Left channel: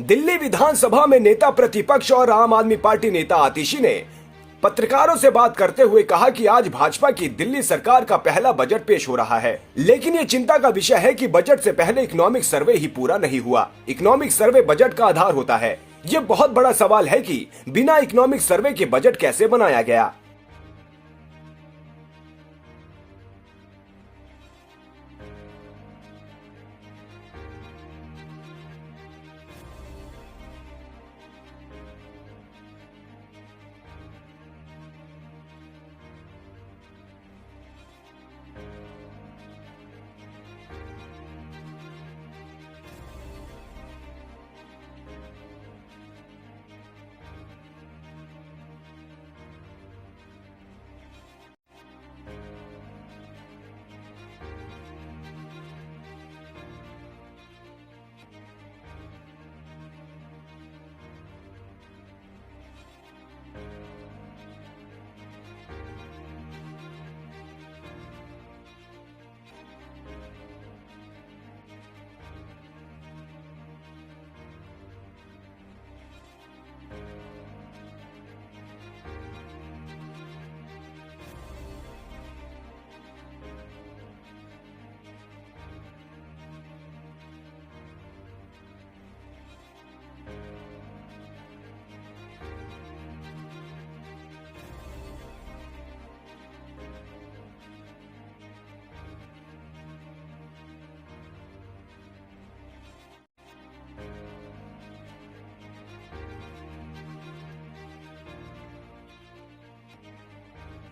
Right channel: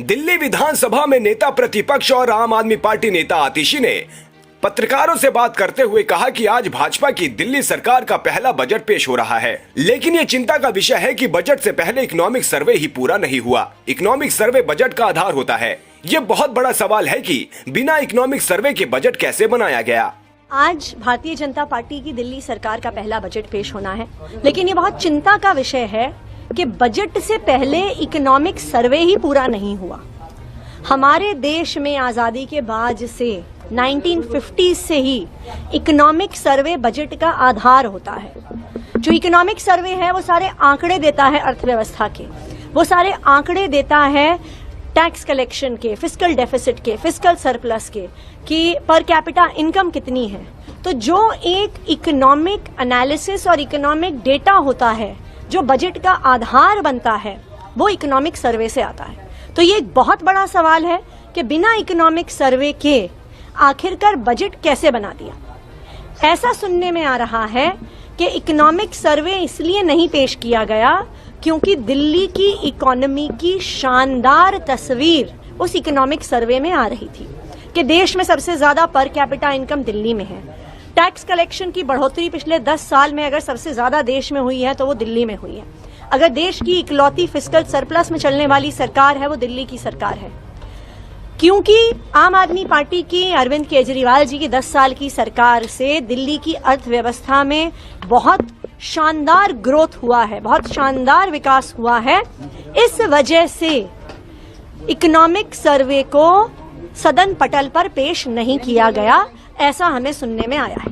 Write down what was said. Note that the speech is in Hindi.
दिल्ली विधानसभा में नेता प्रतिपक्ष और आम आदमी पार्टी नेता आतिशी ने पत्रकारों से बात करते हुए कहा कि आज भाजपा की दिल्ली सरकार का पहला बजट पेश हो रहा है, लेकिन ये चिंता का विषय है कि बजट से पहले इकोनॉमिक सर्वे ही पूरा नहीं हुआ। इकोनॉमिक सर्वे बजट का आधार होता है। ये बहुत बड़ा सवाल है कि बिना इकोनॉमिक सर्वे के बजट कैसे बनाया गया। आज भारतीय जनता पार्टी की दिल्ली सरकार का पहला बजट पेश होना है, लेकिन ये बहुत चिंता का विषय है कि बजट से पहले इकोनॉमिक सर्वे ही पूरा नहीं हुआ। हमारे देश में आजादी के बाद से 1950 से ही इकोनॉमिक सर्वे बजट का आधार होता है। जो इकोनॉमिक सर्वे है वो सारे आंकड़े देता है अर्थव्यवस्था के, वो सारे आंकड़े देता है टैक्स कलेक्शन के, फिस्कल डेफिसिट के, फिस्कल सरप्लस के, कि पर कैपिटा इनकम कितनी है। तो जो एक इकोनॉमिक एनालिसिस और इकोनॉमिक डेटा होता है जो बजट का आधार बनता है, वो इकोनॉमिक सर्वे से आता है। तो ये एक बहुत बड़ा सवाल है कि बिना इकोनॉमिक सर्वे के आखिरकार बजट कैसे बना दिया। ऐसा सुनने में आ रहा है कि इकोनॉमिक सर्वे इसलिए नहीं पेश किया गया क्योंकि दिल्ली की इकोनॉमी की शानदार तस्वीर उस इकोनॉमिक सर्वे में आ रही थी कि देश में सबसे ज्यादा पर कैपिटा इनकम दिल्ली में है। टैक्स कलेक्शन की बढ़ोतरी पिछले 10 साल में अगर सबसे ज्यादा देश में हुई है तो वो दिल्ली में हुई है। अगर देश की इकलौती फिस्कल सरप्लस में चलने वाली सरकार है वो दिल्ली की सरकार है, क्योंकि आम आदमी पार्टी की अरविंद केजरीवाल जी की 10 साल की सरकार से दिल्ली की अर्थव्यवस्था में बहुत शानदार ग्रोथ हुआ है, बहुत शानदार विकास हुआ है। इस वजह से इकोनॉमिक सर्वे को सदन पटल पर पेश नहीं किया गया, ऐसा हमें सुनने में आया है।